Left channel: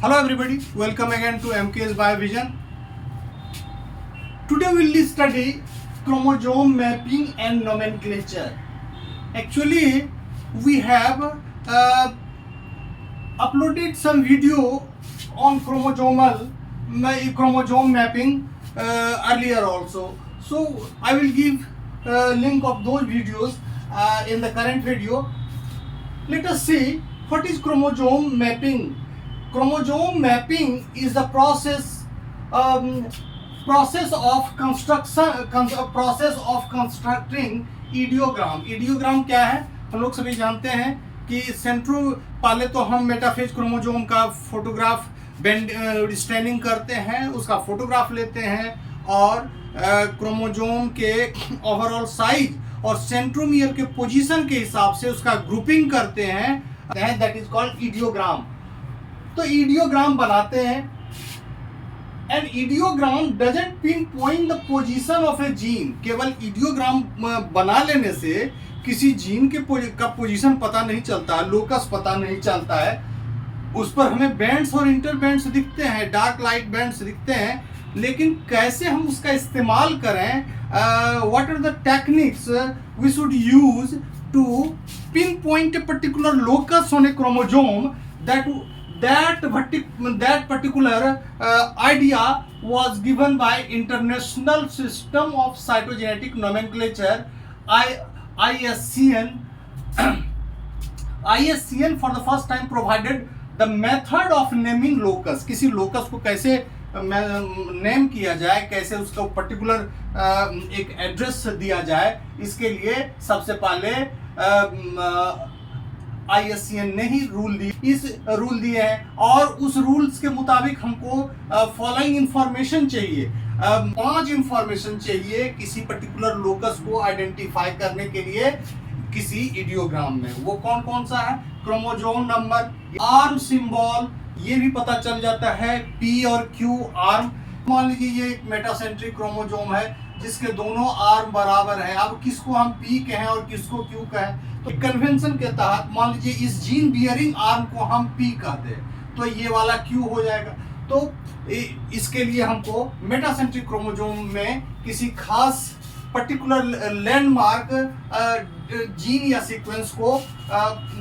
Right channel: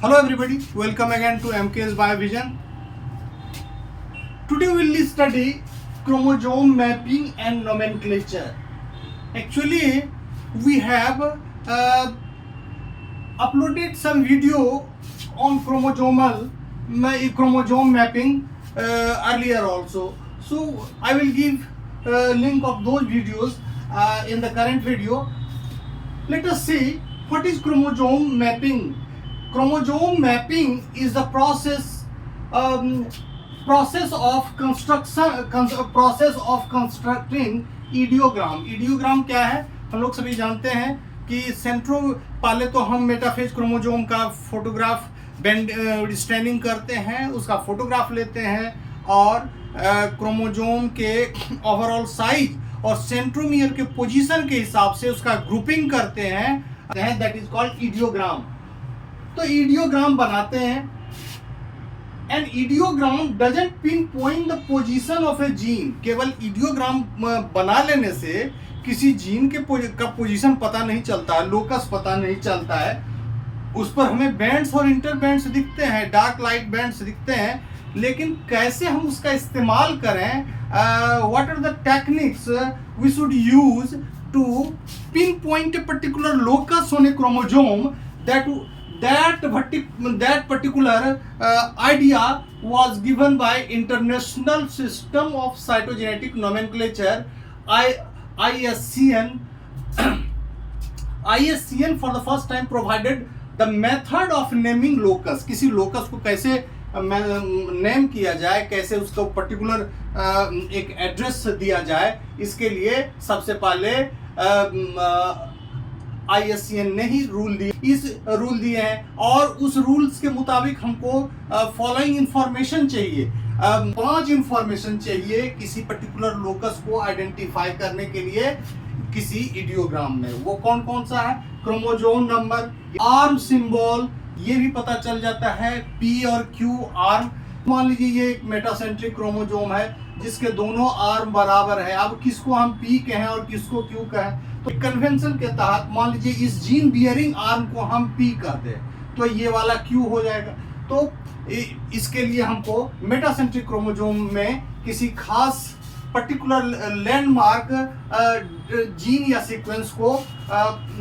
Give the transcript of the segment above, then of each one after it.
Hello everybody, welcome again to MK's Biovision. Today we will study chromosome mapping and nomenclature. Actually, we have uploaded some video on chromosome mapping earlier also. So I will give link of those videos in the current video. Let us see what is chromosome mapping. Chromosome mapping is the process of constructing ideogram. Ideogram क्या है, हम लोग सभी जानते हैं कि सेंट्रो पहले तो हम मेटाफेज क्रोमोजोम का फोटोग्राफ स्टैंडिंग करते हैं, उसका फोटोग्राफ लेते हैं और क्रोमोजोम के ओवरऑल साइज और सेंट्रोमियर के पोजीशन के हिसाब से उसका ग्रुपिंग करते हैं, दैट इज कॉल्ड इडियोग्राम. तो इडियोग्राम बनाते हैं and idiogram doesn't pinpoint the position of a gene. केवल इडियोग्राम बना लेने से किसी जीन के का पोजीशन पता नहीं चलता है, लोकस पता नहीं चलता है. उस पर हमें बैंड्स और इंटरबैंड्स दिखते हैं, डार्क लाइट बैंड्स दिखते हैं, लेकिन कैसे हम उसका इस्तेमाल करें, what are the techniques we should use to pinpoint a particular locus on a chromosome, that particular idea was given by International System of Cytogenetic Nomenclature, ISCN. ISCN for the first time provided the method of naming locus. किसी locus को कैसे name किया जाए, कैसे उसको particular एक address दिया जाए, इसके लिए सबसे पहले ISCN ने ही रूल दिए हैं और उस रूल्स के मुताबिक हमको फॉलोइंग इंफॉर्मेशन चाहिए. 5 इंफॉर्मेशन चाहिए किसी पर्टिकुलर लोकस को आइडेंटिफाई करने के लिए किसी इडियोग्राम में. वो कौन कौन सा है? क्रोमोजोम नंबर, आर्म सिंबल, ये भी पता चल जाता है, P और Q आर्म. मान लीजिए ये एक मेटासेंट्रिक क्रोमोजोम है जिसके दोनों आर्म बराबर है. अब किसको हम P कहें और किसको Q कहें, तो कन्वेंशन के तहत मान लीजिए इस जीन बियरिंग आर्म को हम P कहते हैं तो ये वाला Q हो जाएगा. तो इसके लिए हमको मेटासेंट्रिक क्रोमोजोम में किसी खास पर्टिकुलर लैंडमार्क जीन या सीक्वेंस को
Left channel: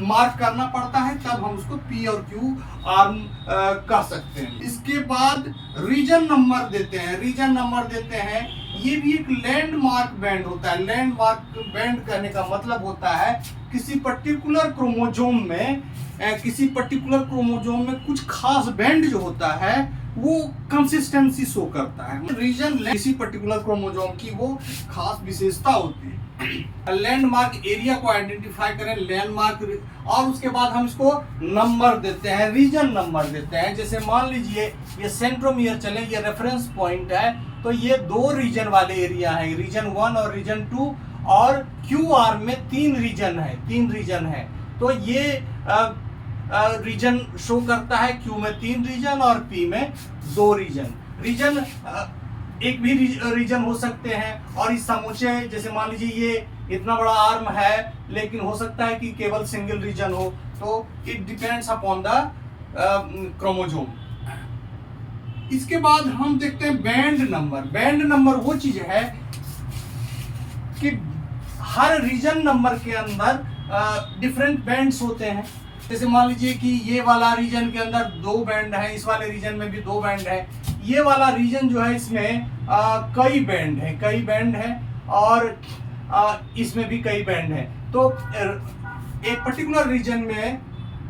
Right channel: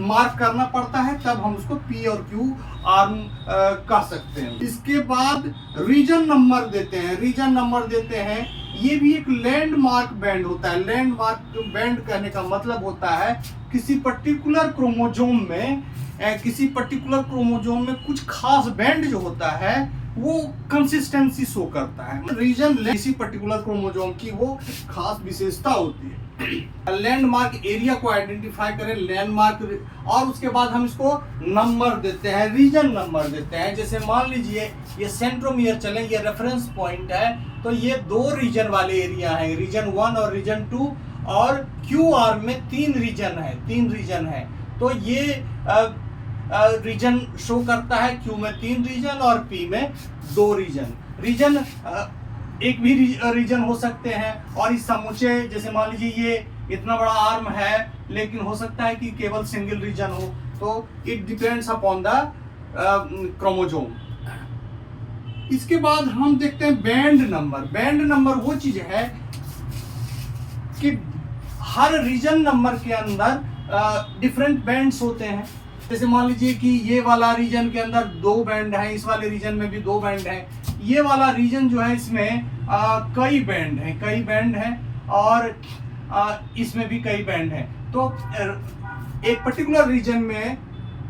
मार्क करना पड़ता है, तब हम उसको P और Q आर्म कह सकते हैं. इसके बाद रीजन नंबर देते हैं. रीजन नंबर देते हैं, ये भी एक लैंडमार्क बैंड होता है. लैंडमार्क बैंड कहने का मतलब होता है किसी पर्टिकुलर क्रोमोजोम में कुछ खास बैंड जो होता है वो कंसिस्टेंसी शो करता है. रीजन किसी पर्टिकुलर क्रोमोजोम की वो खास विशेषता होती है. लैंडमार्क एरिया को आइडेंटिफाई करें, लैंडमार्क, और उसके बाद हम इसको नंबर देते हैं, रीजन नंबर देते हैं. जैसे मान लीजिए ये सेंट्रोमियर चले, ये रेफरेंस पॉइंट है, तो ये 2 रीजन वाले एरिया है, रीजन 1 और रीजन 2, और क्यू आर में 3 रीजन है. तो ये रीजन शो करता है, क्यू में 3 रीजन और पी में 2 रीजन. एक भी रीजन हो सकते हैं. और इस समूचे, जैसे मान लीजिए ये इतना बड़ा आर्म है लेकिन हो सकता है कि केवल सिंगल रीजन हो, तो it depends upon the chromosome. इसके बाद हम देखते हैं बैंड नंबर. बैंड नंबर वो चीज है कि हर रीजन नंबर के अंदर डिफरेंट बैंड्स होते हैं. जैसे मान लीजिए कि ये वाला रीजन के अंदर 2 बैंड है, इस वाले रीजन में भी 2 बैंड है. ये वाला रीजन जो है इसमें कई बैंड है और इसमें भी कई बैंड है. तो एक पर्टिकुलर रीजन में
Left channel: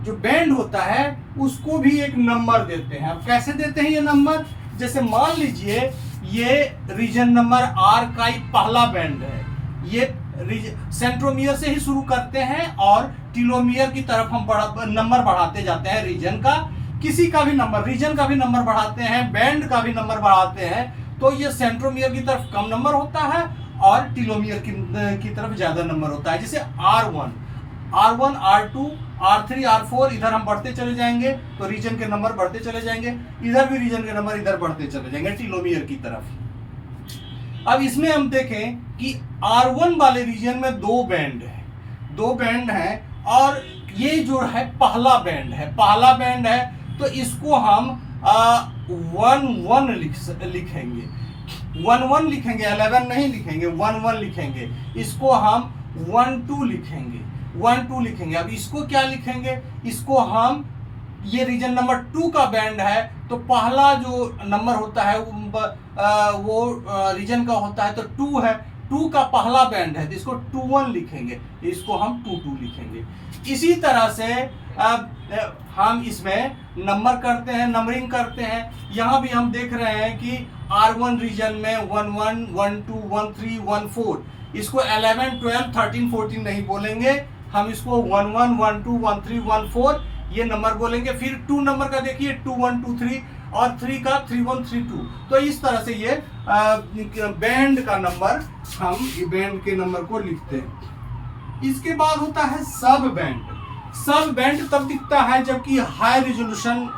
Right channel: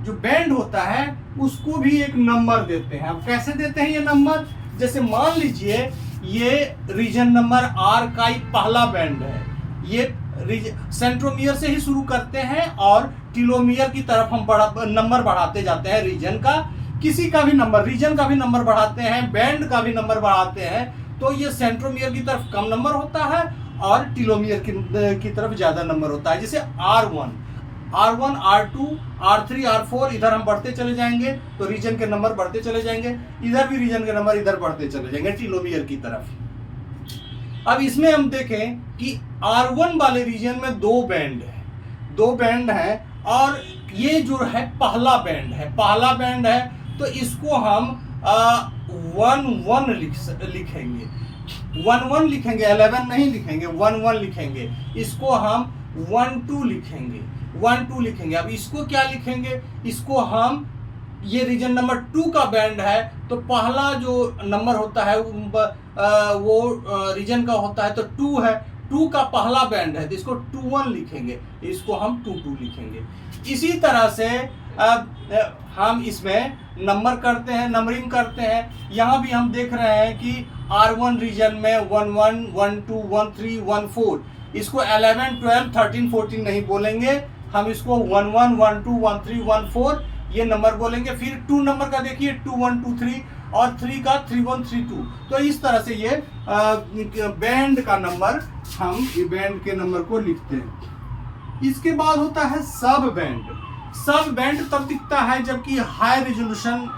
जो बैंड होता है उसको भी एक नंबर देते हैं. अब कैसे देते हैं ये नंबर? जैसे मान लीजिए ये रीजन नंबर R का ही पहला बैंड है. ये सेंट्रोमियर से ही शुरू करते हैं और टीलोमियर की तरफ हम नंबर बढ़ाते जाते हैं. रीजन का किसी का भी नंबर, रीजन का भी नंबर बढ़ाते हैं, बैंड का भी नंबर बढ़ाते हैं. तो ये सेंट्रोमियर की तरफ कम नंबर होता है और टीलोमियर की तरफ ज्यादा नंबर होता है. जैसे R1, R2, R3, R4, इधर हम बढ़ते चले जाएंगे तो रीजन के नंबर बढ़ते चले जाएंगे, इधर भी रीजन के नंबर इधर बढ़ते चले जाएंगे टीलोमियर की तरफ. अब इसमें हम देखें कि R1 वाले रीजन में 2 बैंड है और ये जो है पहला बैंड है तो इसको हम 1 लिखेंगे, 1 लिखेंगे, 11 नहीं लिखेंगे, 1 लिखेंगे। इसको हम 12 लिखेंगे, 12 लिखेंगे। अब इसको क्या लिखेंगे, इसको हम, ये रीजन नंबर 2 का बैंड है, तो पहला जो नंबर होता है वो रीजन का होता है, तो 2 है, 2 का पहला बैंड है, तो इसको 21 लिखेंगे, इसको हम 22 लिखेंगे। इसी तरह से अब हम इसमें नंबर करते हैं, नंबरिंग करते हैं। यहाँ भी हम देख रहे हैं कि R1 रीजन में 11, 12, 13, 14, इसको 11, 12, 13, 14 नहीं बोलेंगे, हम इसको 11, 12, 13, 14 ये नंबर बोलेंगे। फिर 2 नंबर का देखिए, 21, 23 और 3 का 31, 32। तो इस तरह से ये बैंड का नंबर, हम ये बैंड के नंबर को लिखते हैं। इसके बाद होता है सब बैंड। सब बैंड तब दिखता है जबकि हाई रेजोल्यूशन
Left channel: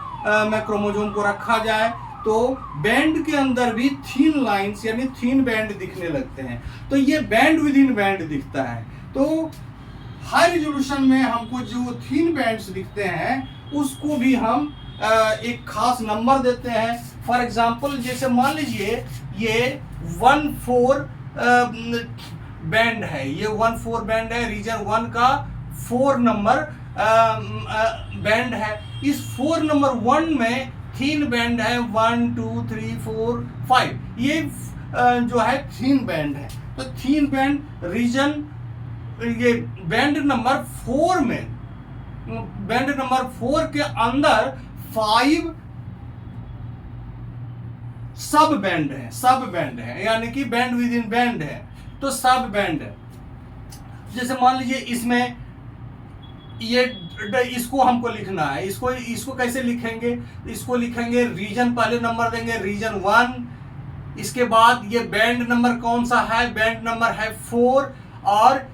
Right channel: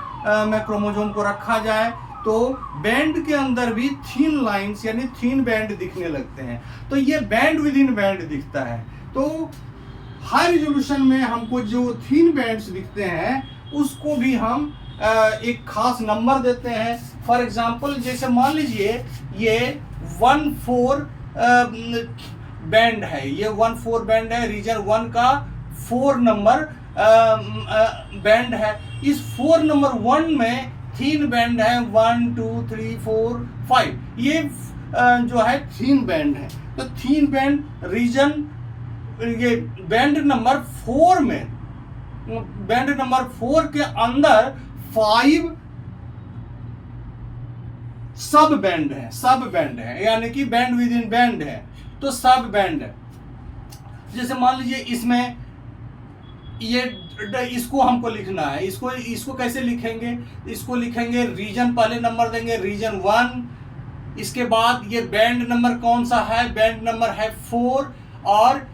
में क्रोमोसोम को रखा जाए, तो बैंड के अंदर भी थीन लाइंस यानी थीन बैंड दिखने लगते हैं, तो ये बैंड विद इन बैंड दिखता है। तो हाई रेजोल्यूशन में हमको जो थीन बैंड्स दिखते हैं उसको भी हम एक खास नंबर देते हैं। फॉर एग्जांपल, जैसे मान लीजिए ये 14 बैंड है, ये 14 बैंड है, रीजन 1 का 4 नंबर बैंड है। इस 4 नंबर 1 में थीन बैंड है 1, 2, 3, 4, 5, ये जो है थीन बैंड है। तो थीन बैंड रीजन, ये बैंड नंबर 4 में, बैंड नंबर 4 के अंदर 5 सब बैंड है, सब बैंड है, यानी कि बैंड विद इन बैंड है, तो सब बैंड है। जैसे मान लीजिए इसमें ये, इसको हमको लिखना है, इसको कैसे लिखेंगे, इसको लिखेंगे रीजन, पहले नंबर देंगे रीजन 1, इसके बाद ये बैंड नंबर कौन सा है, बैंड नंबर है 4, और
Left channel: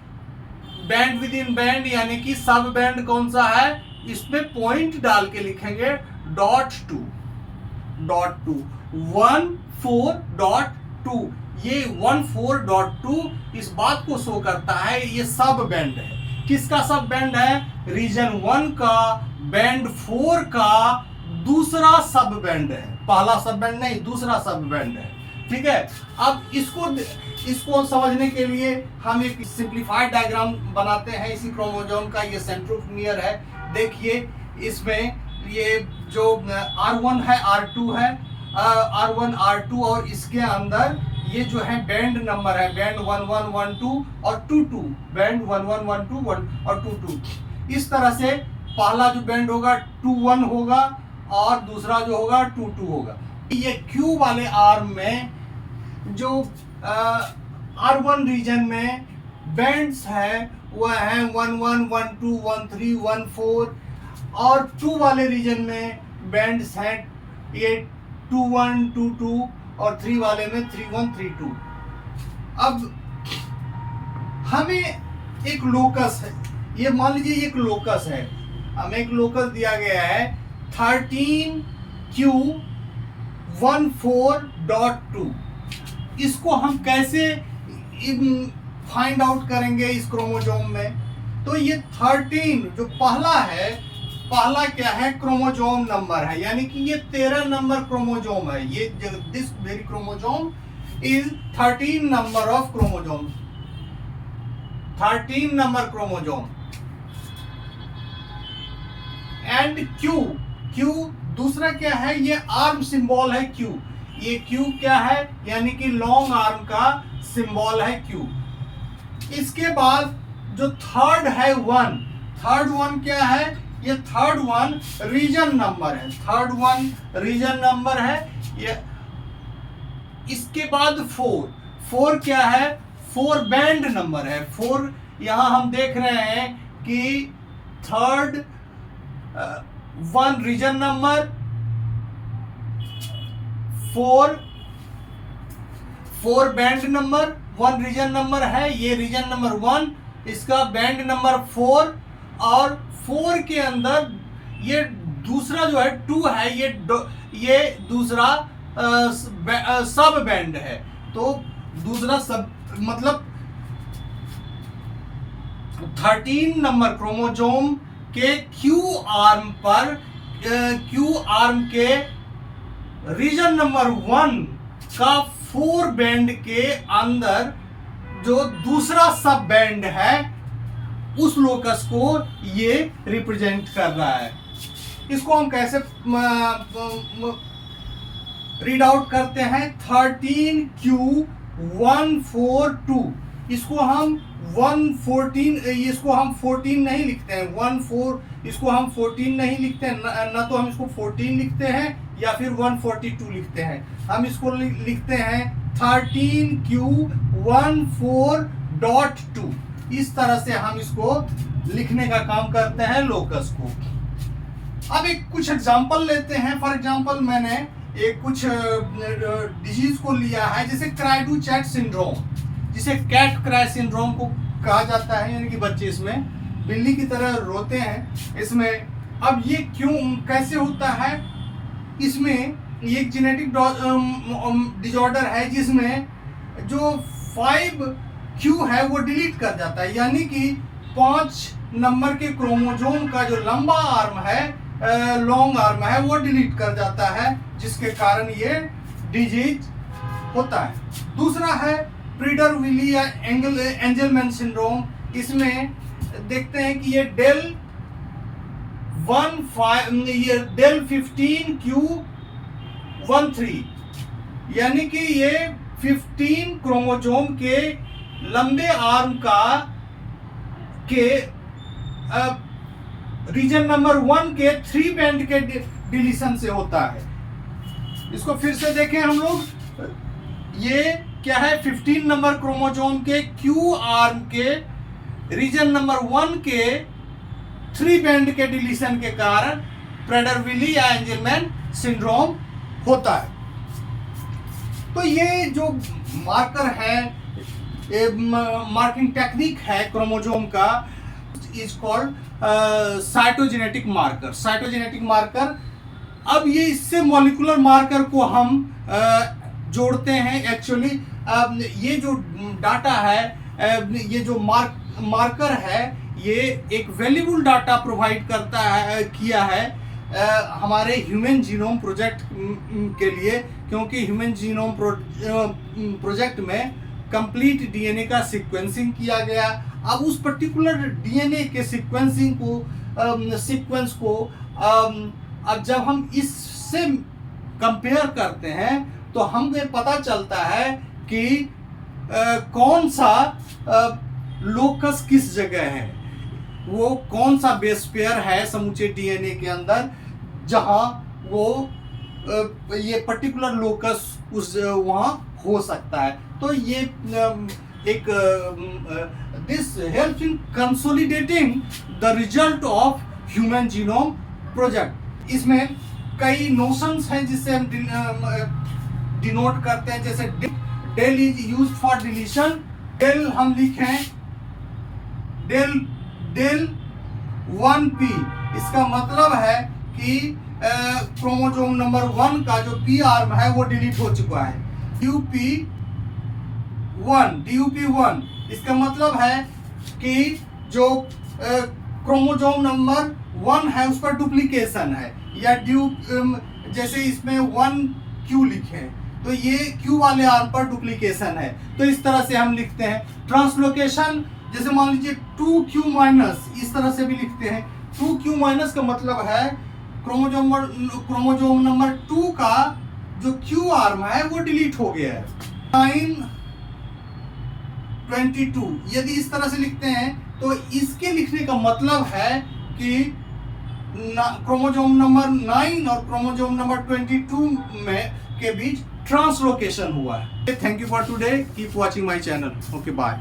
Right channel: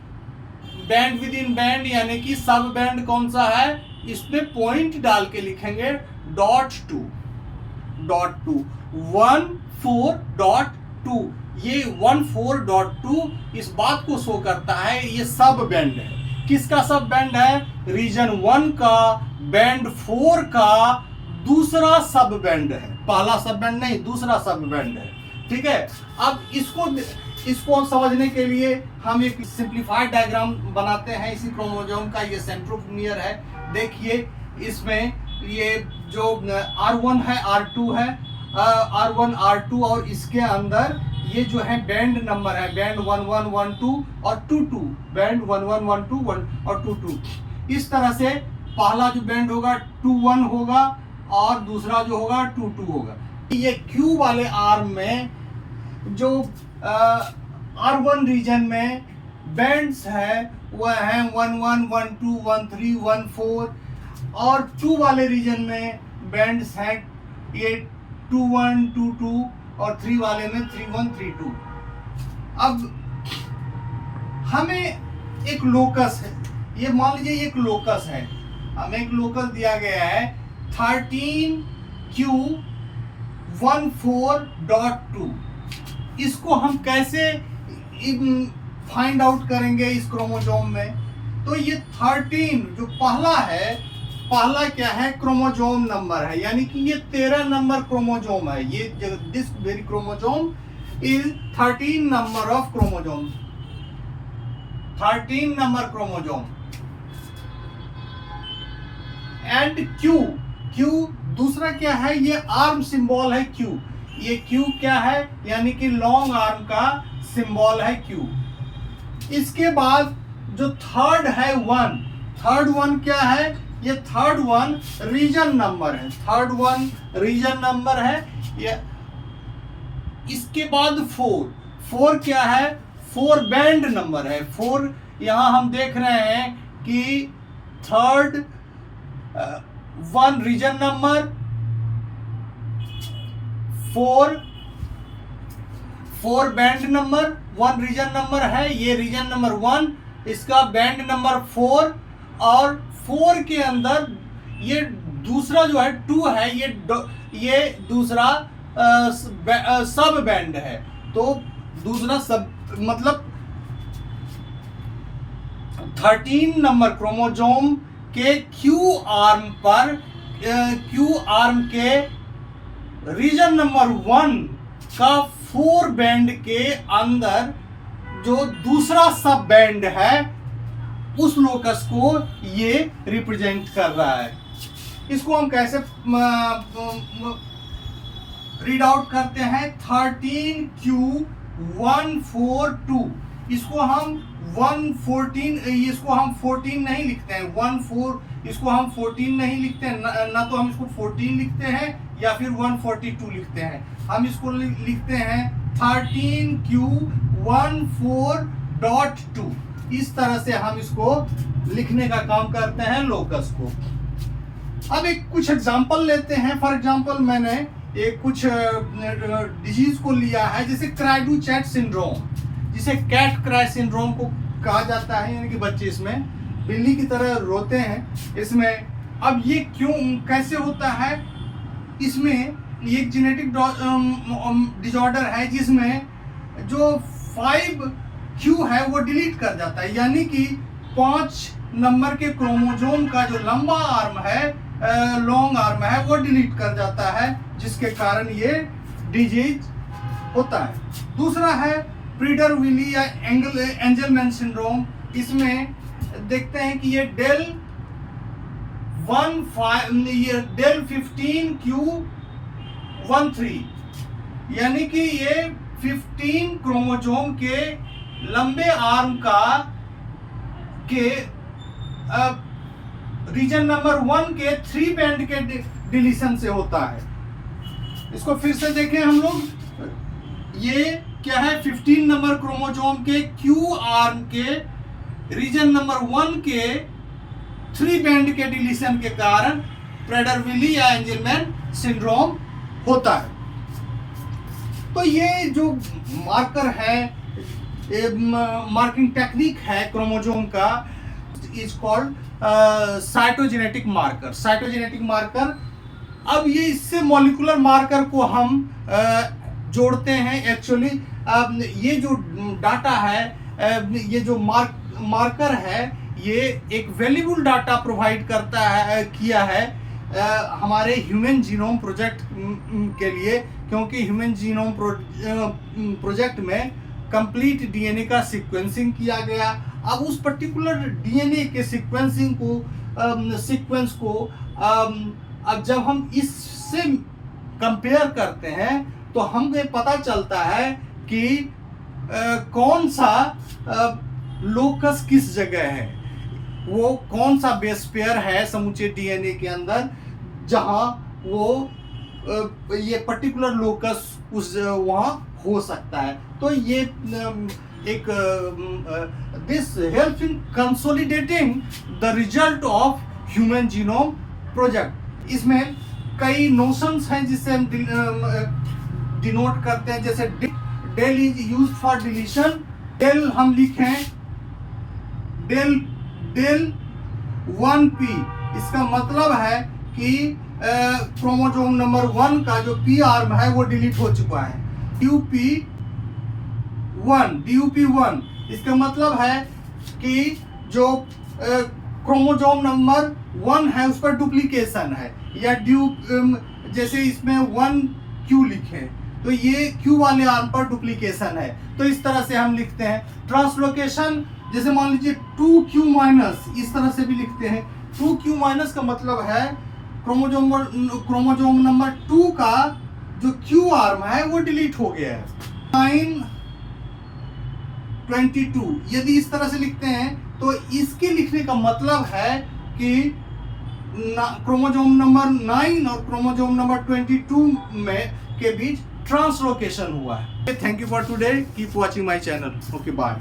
बैंड विद इन बैंड यानी कि सब बैंड कौन सा है, इसमें पॉइंट डाल के लिखेंगे .2, 14.2। ये 14.2 इस बात को शो करता है ये सब बैंड है। किसका सब बैंड है, रीजन 1 का बैंड 4 का दूसरा सब बैंड है, पहला सब बैंड नहीं, दूसरा सब बैंड है। ठीक है, अब इसको समझने के लिए हम एक सिंप्लीफाइड डायग्राम बनाते हैं इसी क्रोमोसोम का। ये सेंट्रोमियर है, देखिए इसमें ये जो R1 है, R2 है, R1, R2, और इसके अंदर ये जो है बैंड नंबर है, बैंड 11, 12 और 22, बैंड 11, 12, 1 और 22। इस तरह से पहला जो बैंड होगा 21 होगा और दूसरा जो होगा 22 होगा। ये Q वाले आर्म में जो R1 रीजन में बैंड्स है वह है 11, 12, 13, 14, और 2 वाले रीजन में बैंड्स हैं ये 21, 22 और 3 वाले में 31, 32। अब हमें एक लोकस है, ये मान लीजिए एक लोकस है, हमें एक लोकस दिया गया है 13Q14.2। इसको हम कैसे फाइंड आउट करेंगे इस क्रोमोसोम में, तो ये 13 जो पहला है, पहला क्या है, क्रोमोसोम नंबर है, यानी कि ये 13 नंबर क्रोमोसोम है। ये this very chromosome is 13 number of chromosome, 13 number chromosome. And Q दूसरा क्या है, ये आर्म सिंबल है Q, ये Q क्या है, यानी कि लॉन्ग आर्म का सिंबल है Q। इसके बाद जो थर्ड है 1, थर्ड 1 क्या है, ये थर्ड 1 रीजन नंबर है, थर्ड 1 रीजन नंबर है ये। इसके बाद 4 क्या है, 4 बैंड नंबर है, 4 यहां हम देख रहे हैं कि third 1 region number, 4 band number, 1 region number है, ये रीजन नंबर 1, इसका बैंड नंबर 4, और 4 के अंदर ये दूसरा जो है 2 है, ये दूसरा सब बैंड है। तो दूसरा सब मतलब 13 नंबर क्रोमोसोम के Q आर्म पर क्यू आर्म के रीजन नंबर 1 का 4 बैंड के अंदर जो दूसरा सब बैंड है उस लोकस को ये रिप्रेजेंट कर रहा है। इसको हम कैसे रीड आउट करते हैं? 13Q142। इसको हम 14 नहीं लिखते हैं, 14 इसको हम 14 नहीं लिखते हैं, ना तो हम इसको 14 लिखते हैं या फिर 142 लिखते हैं। हम इसको लिखते हैं 13Q14.2। इस तरह से हम इसको लिखने का काम करते हैं लोकस को। अब एक कुछ एग्जांपल लेते हैं। फॉर एग्जांपल मैंने एक कुछ डिजीज को लिया है, जैसे क्राइडू चैट सिंड्रोम, जिसे कैट क्राई सिंड्रोम को कहा जाता है, यानी कि बच्चे इसमें बिल्ली की तरह रोते हैं इसमें। अब ये क्यों कैसे होता है? इसमें ये जेनेटिक डिसऑर्डर है जिसमें जो 5Q है वो डिलीट कर जाता है, यानी कि 5 नंबर के क्रोमोसोम का जो लंबा आर्म है, लॉन्ग आर्म है, वो डिलीट कर जाता है, जिसके कारण ये डिजीज होता है। दूसरा है प्रीडर-विली या एंजलमैन सिंड्रोम। इसमें देखते हैं कि ये डेल 15Q13, यानी कि ये 15 क्रोमोसोम के लंबे आर्म का के रीजन नंबर 1 के 3 बैंड के डिलीशन से होता है। इसको फिर से देखें हम लोग, ये क्या है? 15 नंबर क्रोमोसोम के क्यू आर्म के रीजन नंबर 1 के 3 बैंड के डिलीशन के कारण प्रेडर-विली या एंजलमैन सिंड्रोम होता है। तो ये जो मार्कर है, मार्किंग टेक्निक है क्रोमोसोम का, is called cytogenetic marker. Cytogenetic marker. अब ये इससे मॉलिक्यूलर मार्कर को हम जोड़ते हैं। एक्चुअली ये जो डाटा है, ये जो मार्कर है, ये एक वैल्यूबल डाटा प्रोवाइड करता है, किया है हमारे ह्यूमन जीनोम प्रोजेक्ट के लिए, क्योंकि ह्यूमन जीनोम प्रोजेक्ट में कंप्लीट डीएनए का सीक्वेंसिंग किया गया। अब उस पर्टिकुलर डीएनए के सीक्वेंस को अब जब हम इससे कंपेयर करते हैं तो हमें पता चलता है कि कौन सा लोकस किस जगह है, वो कौन सा बेस पेयर है समूचे डीएनए के अंदर जहां वो ये पर्टिकुलर लोकस उस वहां हो सकता है। तो ये एक this help in consolidating the result of human genome project. इसमें कई नोशंस हैं जिससे हम डिनोट करते हैं, जैसे del is used for deletion. Del हम लिखें डेल 1p, इसका मतलब है कि क्रोमोसोम नंबर 1 का जो p आर्म है वो डिलीट हो चुका है। DUP1, इसका मतलब है कि जो क्रोमोसोम नंबर 1 है उस पर डुप्लीकेशन है, या जैसे इसमें 1Q लिखे तो ये Q वाले आर्म पर डुप्लीकेशन है, तो इस तरह से हम लिखते हैं। ट्रांसलोकेशन, जैसे मान लीजिए 2Q-, इस तरह से भी लिखते हैं। 2Q- का मतलब है क्रोमोसोम नंबर 2 का जो Q आर्म है वो डिलीट हो गया है। 922, यदि इस तरह से लिखते हैं तो इसके लिखने का मतलब है कि क्रोमोसोम नंबर 9 और क्रोमोसोम नंबर 22 में के बीच ट्रांसलोकेशन हुआ है। Thank you for today, keep watching my channel. Okay, bye.